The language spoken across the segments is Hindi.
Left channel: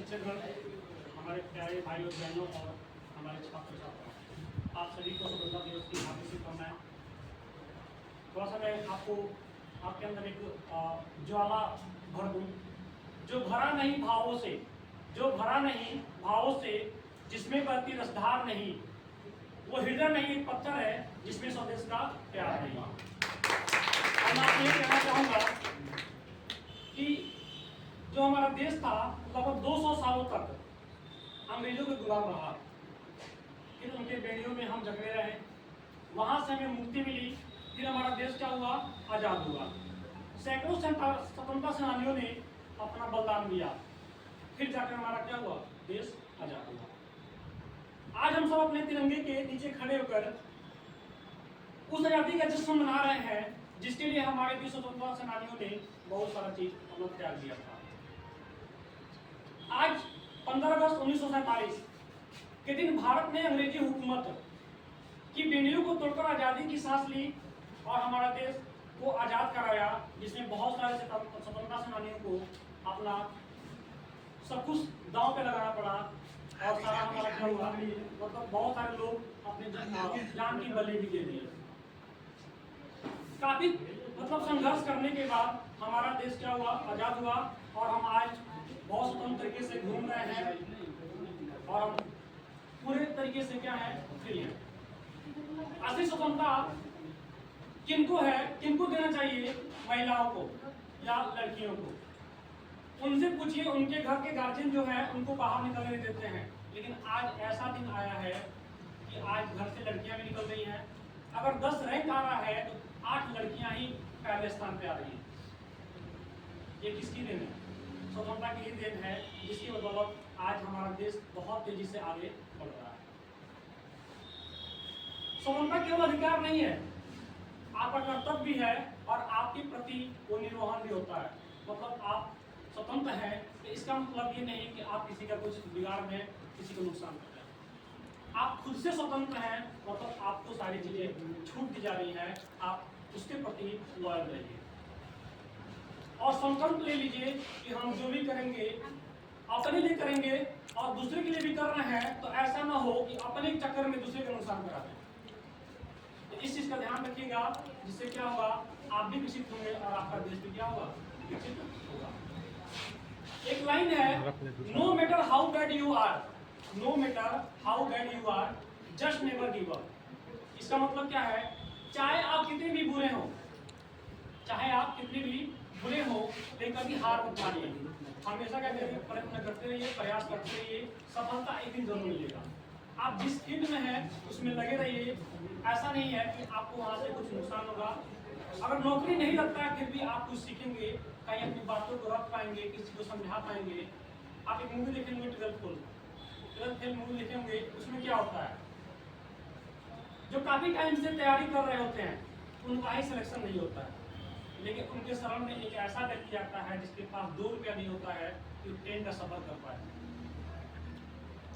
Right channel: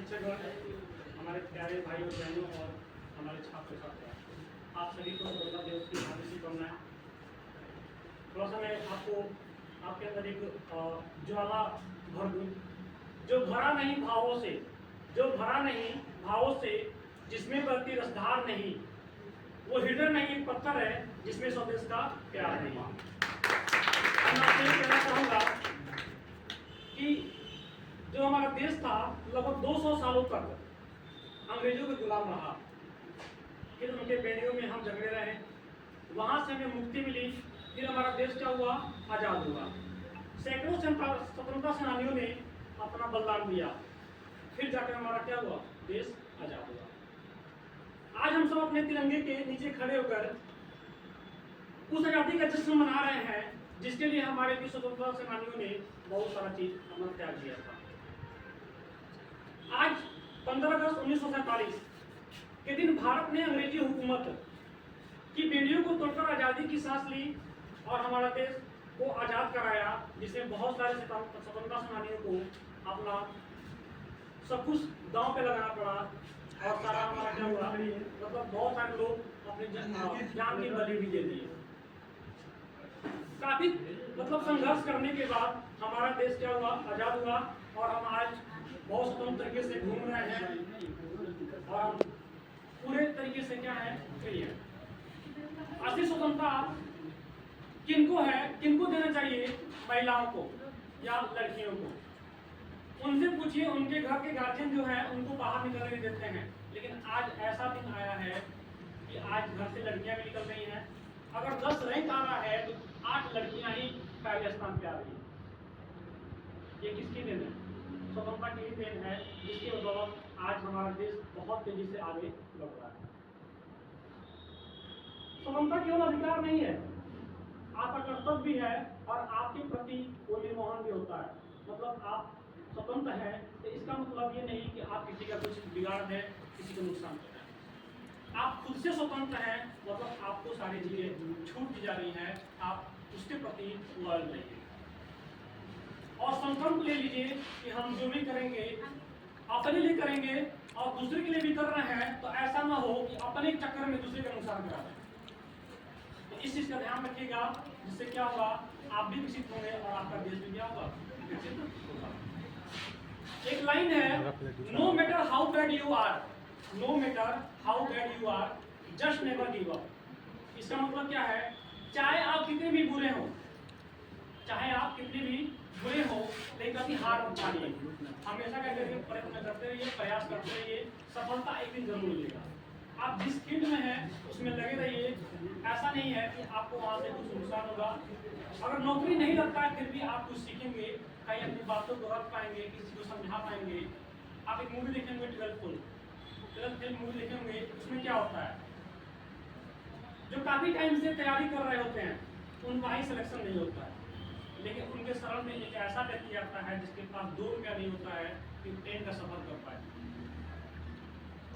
शिक्षकगण, हमारे प्यारे भाई और बहनों और हमारे छात्र छात्रा, आप सभी को स्वतंत्रता दिवस की हार्दिक शुभकामनाएं। थोड़ा सा मैं आपको आपके अंदर एक ज्वाला भर दूं, जो भरा नहीं भावों से, जो भरा नहीं भावों से, जिसमें बहती रसधार नहीं, वो हृदय में एक पत्थर है जिसमें स्वदेश का प्यार नहीं। मैं आपसे ये कहना चाहूंगा कि जो हमारा देश था लगभग 200 सालों तक अंग्रेजों के गुलाम रहा, फिर उनके बेड़ियों में हम जकड़े रहे, वहां से हमें मुक्ति मिली, फिर हमारा देश क्या हुआ, आजाद हुआ। सैकड़ों स्वतंत्रता सेनानियों ने अपना बलिदान दिया, फिर जाकर हमारा क्या हुआ, देश आजाद हुआ। आज हम सब अपने तिरंगे के नीचे खड़े होकर उस आजादी का जश्न मना रहे हैं जिसके लिए हमारे भी स्वतंत्रता सेनानियों ने बहुत सारा चीज अपना त्याग दिया था। आज 15 अगस्त 1947 के दिन भारत ने अंग्रेजी हुकूमत की बेड़ियों को तोड़कर आजादी की सांस ली और हमारा देश को आजाद कराया, जिसमें बहुत सारे स्वतंत्रता सेनानियों को अपना सब कुछ दांव पे लगाना पड़ा और सारा हमारा क्या हुआ, मतलब बहुत सारे लोग अपने जान की बलि भी दे दिए। काफी मतलब संघर्ष करने के बाद हमारा देश क्या हुआ, आजाद हुआ और हम आज बहुत स्वतंत्र तरीके से घूम रहे हैं और हम पूरे तरीके से क्या है, फ्री है। असली स्वतंत्रता किनको है, किनको देना चाहिए, महिलाओं को या लड़कियों को। उनसे पूछिए, उनके घर के गार्जियन जो है उनको बाहर निकलने देते हैं, लेकिन आज ऐसा दिन आया है कि आज घर से लड़कियां भी निकल रही हैं। अगर 10 रैंक आ रहा है तो 8 लड़कियां ही पहले स्थान पे आ रही हैं। ये किसकी देन है? स्वतंत्रता की देन है, जिसकी बदौलत आज हमारा देश बहुत तेजी से आगे बढ़ रहा है। स्वतंत्रता केवल अधिकार नहीं है, आपका कर्तव्य भी है और आपके प्रति वो निर्वहन भी होता है। मतलब आप स्वतंत्र हैं तो इसका मतलब ये नहीं कि आप किसी का कुछ बिगाड़ दें, किसी को नुकसान करें। आप खुद से स्वतंत्र हैं, मतलब आपको सारी चीजें छूट दी जा रही हैं, आप उसके प्रति लॉयल रहिए और संकल्प ले लीजिए कि हम जो भी करेंगे अपने लिए करेंगे और दूसरे के लिए भी कर रहे हैं, तो ऐसा ना हो कि अपने चक्कर में दूसरे का नुकसान करा दें। तो इस चीज का ध्यान रखिएगा, जिससे क्या होगा, आप भी विकसित होंगे और आपका देश भी क्या होगा, विकसित होगा। एक लाइन है, no matter how bad you are, no matter how bad you are, just never give up. इसका मतलब क्या है, चाहे आप कितने भी बुरे हो, चाहे आप कितने भी बुरे हो, लेकिन कभी हार मत मानिए। हमेशा क्या करिए, प्रयत्न करते रहिए, प्रयास करते रहिए, सफलता एक दिन जरूर मिलेगा। आप जिस फील्ड में हैं उसमें लगे रहिए। ऐसा नहीं है कि आपको वहां से कुछ नुकसान होगा। अगर नौकरी नहीं लगता है फिर भी आप कुछ सीखेंगे, कहीं अपनी बातों को रख पाएंगे, किसी को समझा पाएंगे। आप एक मूवी देखेंगे 12th फेल मूवी देखेंगे, उसमें क्या होता है, जो काफी टाइम से तैयारी कर रहे होते हैं उनका ही सिलेक्शन नहीं होता है, लेकिन उनके शरण में एक ऐसा व्यक्ति आता है जिसके पास 2 रुपया नहीं होता है कि ट्रेन का सफर कर पाए।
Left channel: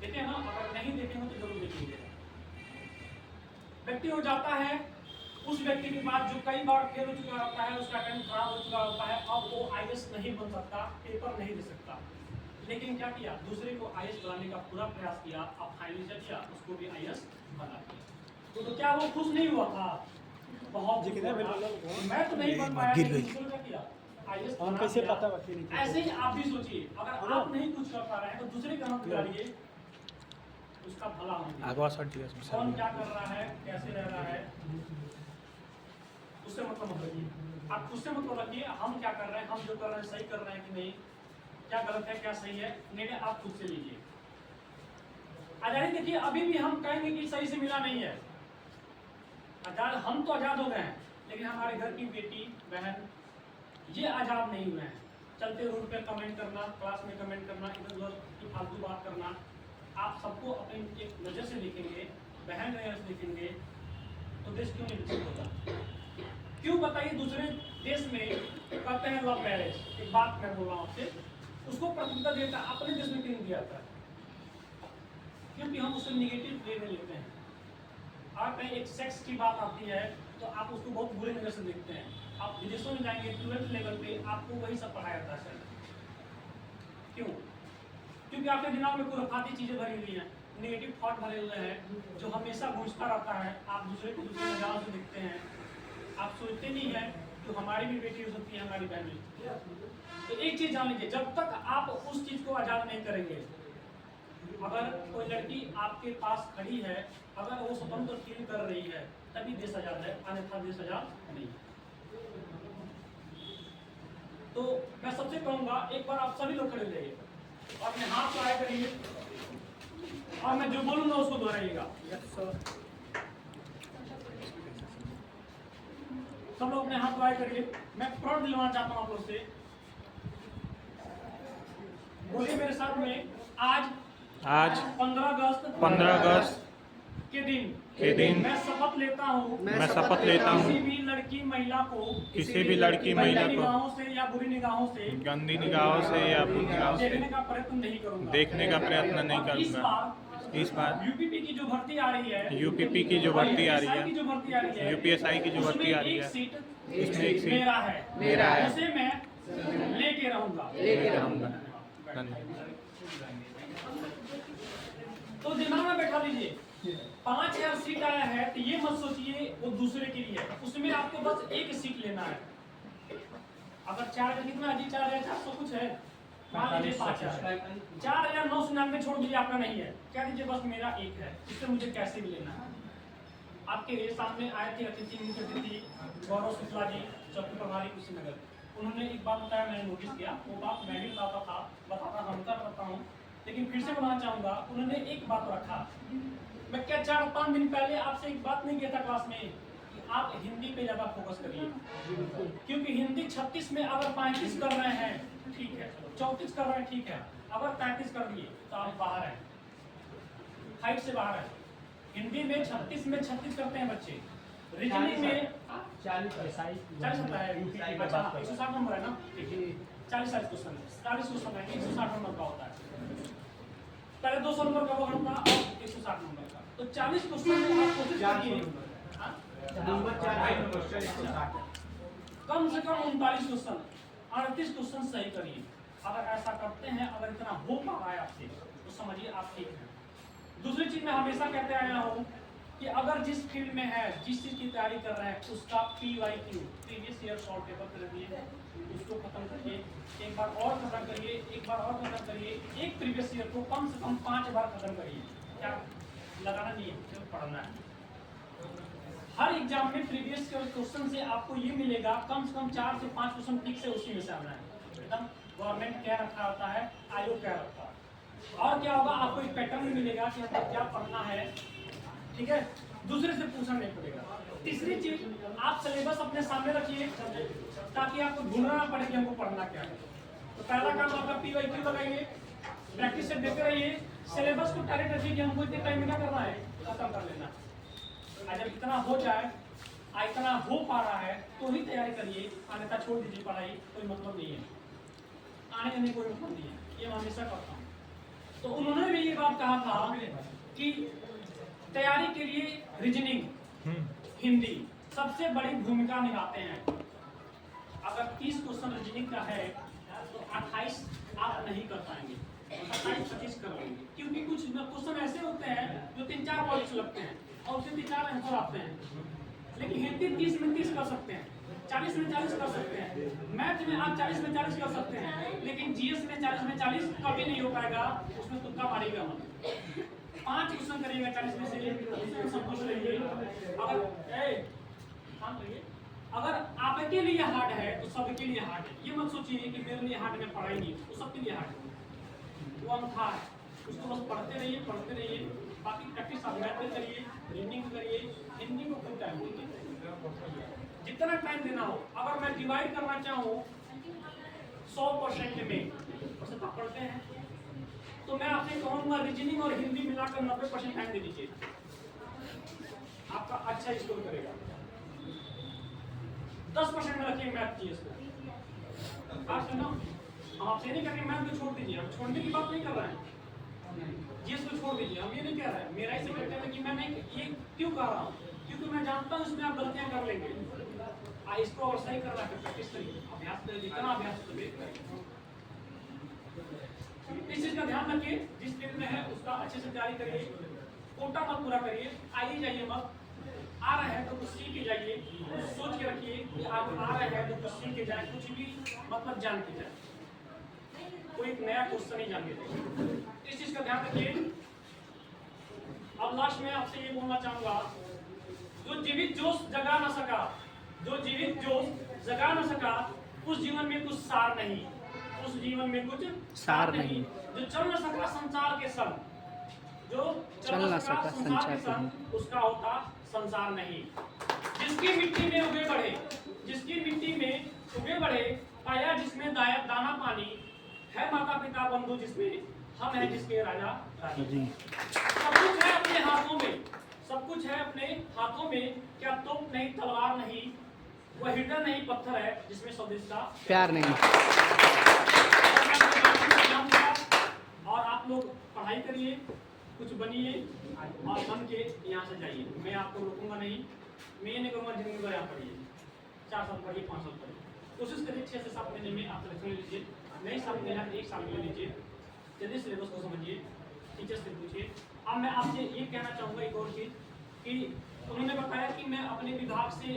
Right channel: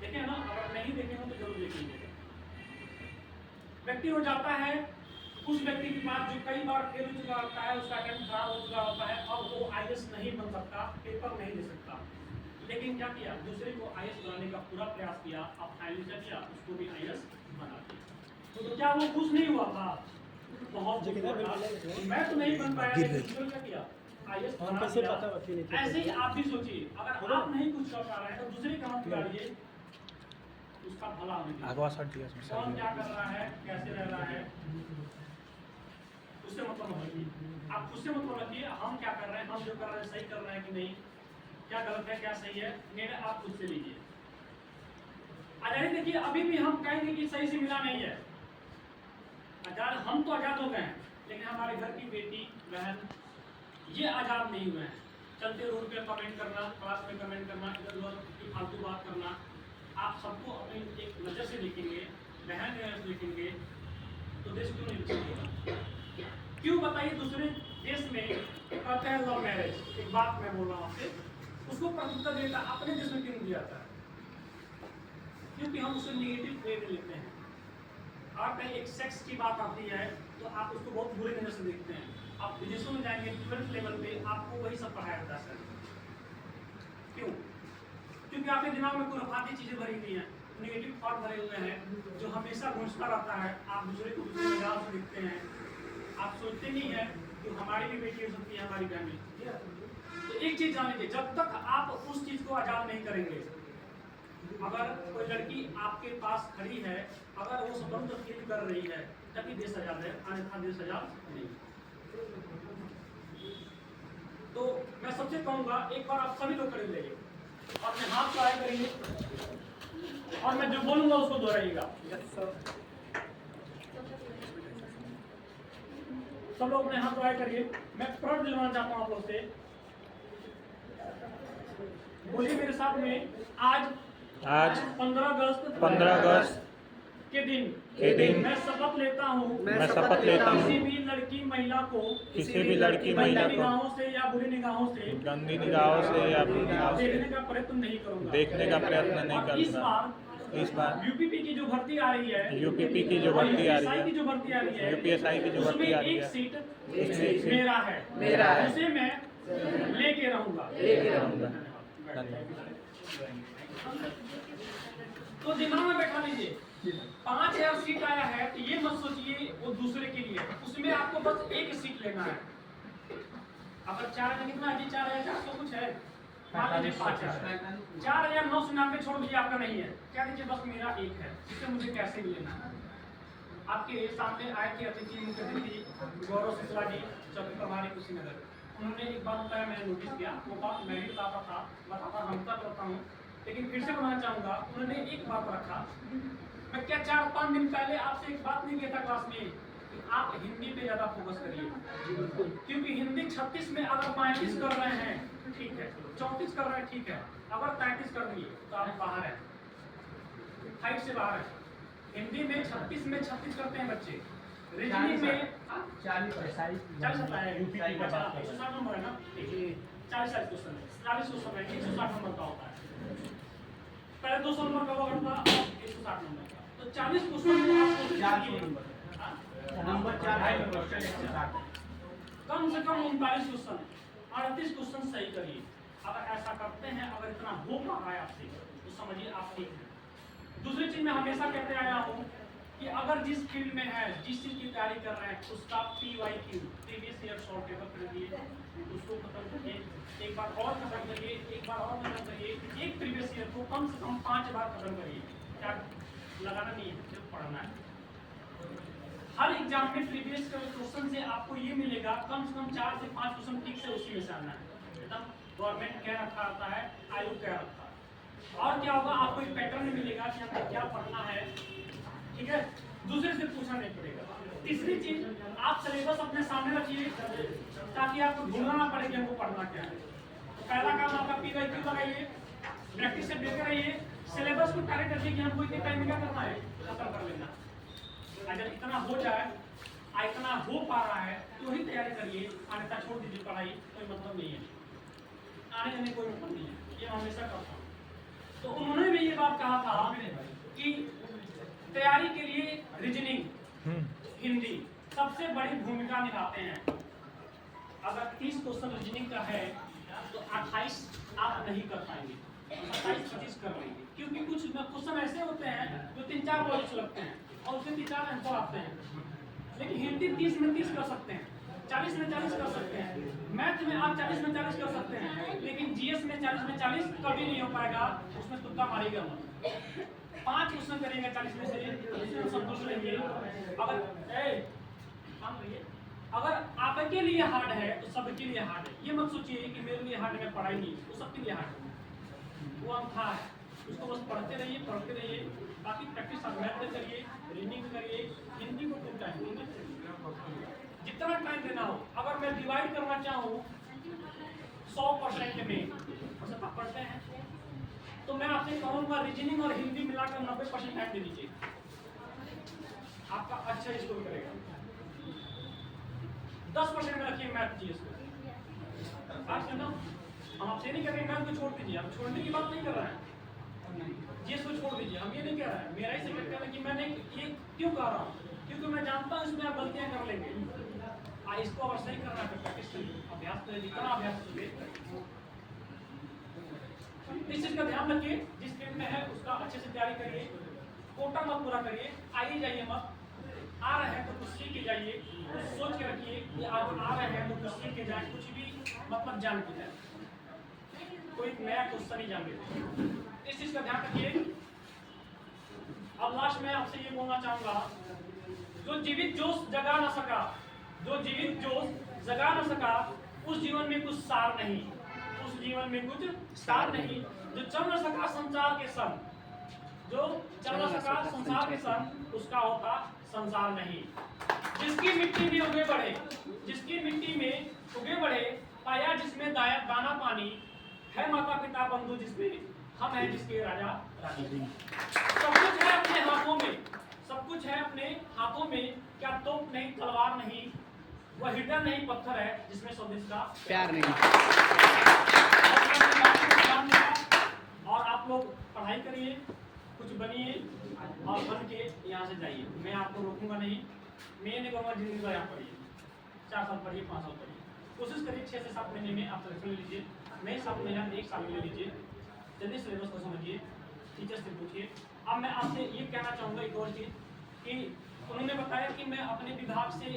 देखिए ना, अगर नहीं देखेंगे तो जरूर देखेंगे। व्यक्ति हो जाता है, उस व्यक्ति के पास जो कई बार फेल हो चुका होता है, उसका अटेम्प्ट खराब हो चुका होता है, अब वो आईएएस नहीं बन सकता, पेपर नहीं दे सकता, लेकिन क्या किया, दूसरे को आईएएस बनाने का पूरा प्रयास किया, अब फाइनली क्या किया, उसको भी आईएएस बना दिया। तो क्या वो खुश नहीं हुआ था? बहुत मैं तो नहीं बन पाया, लेकिन क्या किया, आईएएस बना दिया। ऐसे ही आप भी सोचिए, अगर आप नहीं कुछ कर पा रहे हैं तो दूसरे का मत बिगाड़िए, उसका भला होगा। कौन क्या कर रहा है, कैसे रह रहा है, उससे मतलब मत रखिए। आप खुद से मतलब रखिए, हम क्या कर रहे हैं, हम जो कर रहे हैं सही कर रहे हैं कि नहीं, क्या गलत है क्या सही है, निर्णय आप खुद से लीजिए। आजादी देखिए, अभी भी हम कहेंगे कि सही से मिला नहीं है। आजाद हम तो आजाद हो गए हैं, लेकिन हमारे घर की बेटी बहन ये आजाद नहीं हुए हैं। चलते रोड पे कमेंट करना, क्लास में कमेंट करना, इधर उधर की फालतू बात करना, आप सबको अपनी एक नजर से देखेंगे, बहन नजर से देखेंगे, तो देश क्यों नहीं विकसित होगा? क्यों बताइए, दूसरे देश में कहते हैं लव मैरिज, एक बात मैं बोल रहा हूँ आपसे, उसको प्राथमिकता देता, अपने देश में क्यों दिया जाता है? क्योंकि हम उसे निगेटिव वे में लेते हैं। और कहीं एक सेक्स की बात आती है तो आप उसको बहुत बुरे नजर से देखते हैं। आप विदेशों में जाएंगे 12th लेवल पे आपको वही सब पढ़ाया जाता है। क्यों? क्योंकि आपके दिमाग में खुराफाती चीजें भरी हुई हैं, नेगेटिव थॉट भरे हुए हैं, जो हमेशा गूंजता रहता है। आप दूसरे को दूसरे नगाह से देखते हैं, आप सोचते नहीं है कि हमारी भी बेटी हो सकती है, हमारी बहन भी। तो एक चीज जान लीजिए, जब तक आप उस चीज को आजाद नहीं करेंगे, अगर कोई लड़की आपके पास खड़ी है, अगर वो स्वतंत्र फील कर रही है, तभी देश आजाद है, अन्यथा देश आजाद नहीं। तो मैं सबसे कहूंगा, एक बार आप सभी लोग खड़े हो जाइए और अपने हाथ ट्राई करिए, और मैं जो बोलूंगा उसको दोहराइएगा। सब लोग अपने हाथ ट्राई करिए। मैं प्रण दिलवाना चाहता हूँ आप लोग से, बोलिए मेरे साथ में, आज 15 अगस्त के दिन मैं शपथ लेता हूँ किसी भी लड़की महिला को निगाहों से या बुरी निगाहों से गंदी निगाहों से या देखने का प्रयत्न नहीं करूंगा। इस बार यूपीपी की जो भर्ती आ रही है, यूपीएसआई की जो भर्ती आ रही है, एक सीट मेरा है, उसे मैं लेके रहूंगा। तो दिमाग में बैठा लीजिए, 5000 सीट आया है, तो ये मत सोचिए वो दूसरे के लिए, उसमें आपको बस एक सीट लेना है। अगर 4 कितना है, 4400 कुछ है, 4999 छोड़ दीजिए, आपका नहीं है, क्या दीजिए बस मेरा एक है, जिससे मुझे कैसे भी लेना है। आपके सामने आए थे अतिथि, मुख्य अतिथि गौरव शुक्ला जी, चौकी प्रभारी कुशीनगर। उन्होंने एक बात बताया, मैंने नोटिस किया, वो बात मैं भी बताता हमेशा करता हूँ, लेकिन फिर से बताना चाहूंगा। उन्होंने एक बात रखा, मैं क्या 4-5 दिन पहले आपसे एक बात नहीं किया था क्लास में कि आप हिंदी पे ज्यादा फोकस करिए, क्योंकि हिंदी 36 में अगर 35 कर रहे हैं ठीक है, 34 कर रहे हैं ठीक है, अगर 35 कर दिए तो आप बाहर है, हाइट से बाहर है। हिंदी में 36 में 36 करते हैं बच्चे, रीजनिंग में 40 होता है, 160 नंबर है ना, 40 क्वेश्चन है, 40 क्वेश्चन है, 160 नंबर का होता है। पहले 200 नंबर का वर्ड था, 160 नंबर का, तो 40 क्वेश्चन में आप कम से कम 39 क्वेश्चन, 38 क्वेश्चन सही करिए। अगर ऐसा करते हैं, अगर इतना हो पा रहा है आपसे, तो समझिए आप ठीक हैं। दूसरी चीज मैं हमेशा कहते आया हूँ कि अगर जिस फील्ड में है, जिस चीज की तैयारी कर रहे हैं, उसका PYQ previous year short paper कर दिए, उसको खत्म करिए, एक बार और खत्म करिए, एक बार और खत्म करिए, एक प्रीवियस ईयर को कम से कम 5 बार खत्म करिए। क्या लगाना नहीं है, सिर्फ पढ़ना है। हर एग्जाम में प्रीवियस क्वेश्चन से आपको ये मिलेगा, कम से कम 4 से 5 क्वेश्चन ठीक से उसी में से आना है। एकदम गवर्नमेंट कह रखा होता है, आयोग कह रखा। और क्या होगा, आपको एक पैटर्न मिलेगा कि हमें क्या पढ़ना है, ठीक है, दूसरे से पूछना नहीं पड़ेगा। तीसरी चीज, आप सिलेबस अपने सामने रखिए ताकि आपको ढूंढना ना पड़े कि हमको पढ़ना क्या है। तो पहला काम आपका PYQ लगाइए, प्रैक्टिस से देते रहिए, सिलेबस को टारगेट रखिए कि हमको इतने टाइम में क्या करना है, खत्म कर लेना। जब इतना हो जाए, इतना हो पा रहा है तो ही तैयारी करिए, अन्यथा छोड़ दीजिए पढ़ाई, कोई मतलब नहीं है, आने जाने कोई मतलब नहीं है, ये मैं हमेशा करता हूँ। तो उन्होंने भी ये बात कहा था कि तैयारी के लिए रीजनिंग, हिंदी सबसे बड़ी भूमिका निभाते हैं। अगर 30 क्वेश्चन रीजनिंग का है तो 28 आप नहीं कर पाएंगे, 28-25 कर लेंगे, क्योंकि कुछ क्वेश्चन ऐसे होते हैं जो 3-4 पॉइंट्स लगते हैं और उसके 3-4 आंसर आते हैं। लेकिन हिंदी 30 में 30 कर सकते हैं, 40 में 40 कर सकते हैं, मैथ में आप 40 में 40 कर सकते हैं, लेकिन GS में 40 में 40 कभी नहीं हो पाएगा, उसमें तुक्का मारेगा मत। 5 क्वेश्चन करिएगा 40 में से, संतुष्ट रहिए। अगर आपके लिए हार्ड है तो सबके लिए हार्ड है। ये मत सोचिए कि मेरे लिए हार्ड में पढ़ाएंगे, वो सबके लिए हार्ड है, वो अंथा है, उसको बस पढ़ते रहिए। बाकी प्रैक्टिस आप मैथ में करिए, रीडिंग करिए, हिंदी को खूब टाइम दीजिए, जितना टाइम देना हो। अगर मैं डिवाइड करना चाहूँ 100% में, आप पढ़ते हैं तो मैं आपसे कहूँगा रीजनिंग और हिंदी मिलाकर 90% टाइम दे दीजिए, आपका अच्छा स्कोर करेगा। 10% में रखिए मैथ GS को। आप सुनो, हम आपसे नहीं करेंगे मैथ को छोड़ दीजिए, हम छोड़ने की बात नहीं कर रहे हैं, GS को छोड़ दीजिए, हम ये नहीं कह रहे हैं। मेरा ही सब्जेक्ट है कि मैं नहीं, ये क्यों कह रहा हूँ, क्योंकि मैं जानता हूँ इसमें आप गलतियां कर लेंगे। इसको और सही करना है प्रैक्टिस करिए, अभ्यास करिए, जितना अभ्यास करिए। इस चीज का ध्यान रखिए, जिस फील्ड में है उसका अच्छे से तैयारी करिए, कोटा मत पूरा करिए, आइए जाइए मत, आ रहे हैं तो कुछ सीख के जाइए, कुछ सोच के रखिए कि आप आ रहे हैं तो कुछ सीख के जाए, कुछ भी मतलब जान के जाए, कोई नया क्वेश्चन ही जान के जाए, इस चीज का ध्यान रखिए। अब लास्ट में आपसे ये बोलना चाहूंगा, जो जीवित जोश जगा न सका, जो जीवित जोश जगा न सका, उस जीवन में कुछ सार नहीं, उस जीवन में कुछ सार नहीं, जो चल न सका संसार के संग, जो चल न सका संसार के संग, उसका होता संसार नहीं। जिसकी मिट्टी में उगे बढ़े, जिसकी मिट्टी में उगे बढ़े, पाया जिसमें दाना पानी, है माता पिता बंधु जिसमें, हम हैं जिसके राजा रानी। सब कुछ है अपने हाथों में, सब कुछ है अपने हाथों में, क्या तोप नहीं तलवार नहीं, वह हृदय नहीं पत्थर है जिसमें स्वदेश का प्यार नहीं। और आप लोग पढ़ाई करिए, कुछ बनिए और बन के यहाँ से जाइए, मैं आपको रोकूंगा नहीं, मैं नहीं कहूँगा जिंदगी भर आप पढ़िए, 4 साल पढ़िए, 5 साल पढ़िए, कोशिश करिए 6 से 7 महीने में आप सिलेक्शन ले लीजिए, नहीं 7 महीना 1 साल में ले लीजिए, जल्दी सिलेबस को समझिए, टीचर से पूछिए। अब मैं आपसे ये कहना चाहूँगा एक और चीज़ कि उन्होंने बताया कि मैं अपने विभाग से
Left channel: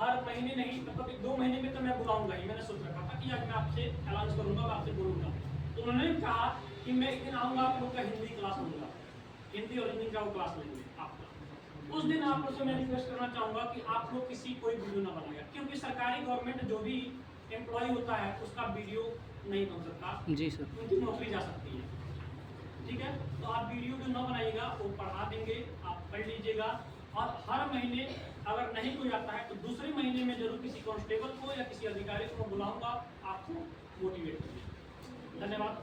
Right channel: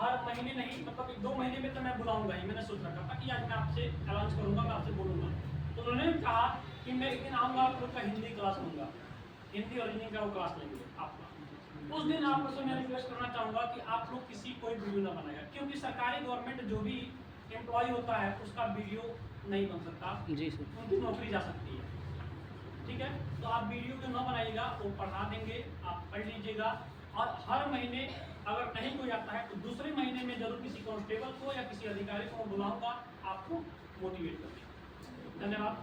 हर महीने नहीं, मतलब 2 महीने में तो मैं बुलाऊंगा ही, मैंने सोच रखा था कि आज मैं आपसे अनाउंस करूंगा, मैं आपसे बोलूंगा। तो उन्होंने कहा कि मैं एक दिन आऊँगा, आप लोग का हिंदी क्लास लूँगा, हिंदी और हिंदी का वो क्लास लेंगे आपका। उस दिन आप लोग से मैं रिक्वेस्ट करना चाहूँगा कि आप लोग किसी कोई वीडियो ना बनाएगा, क्योंकि सरकारी गवर्नमेंट जो भी एम्प्लॉय होता है उसका वीडियो नहीं बन सकता जी सर, उनकी नौकरी जा सकती है, ठीक है। तो आप वीडियो जो ना बनाइएगा, वो पढ़ा देंगे, आप पढ़ लीजिएगा, और हर महीने अगर नहीं कोई आता है तो दूसरे महीने में जरूर किसी कांस्टेबल को या किसी अधिकारी को बुलाऊंगा आपको मोटिवेट करने। धन्यवाद।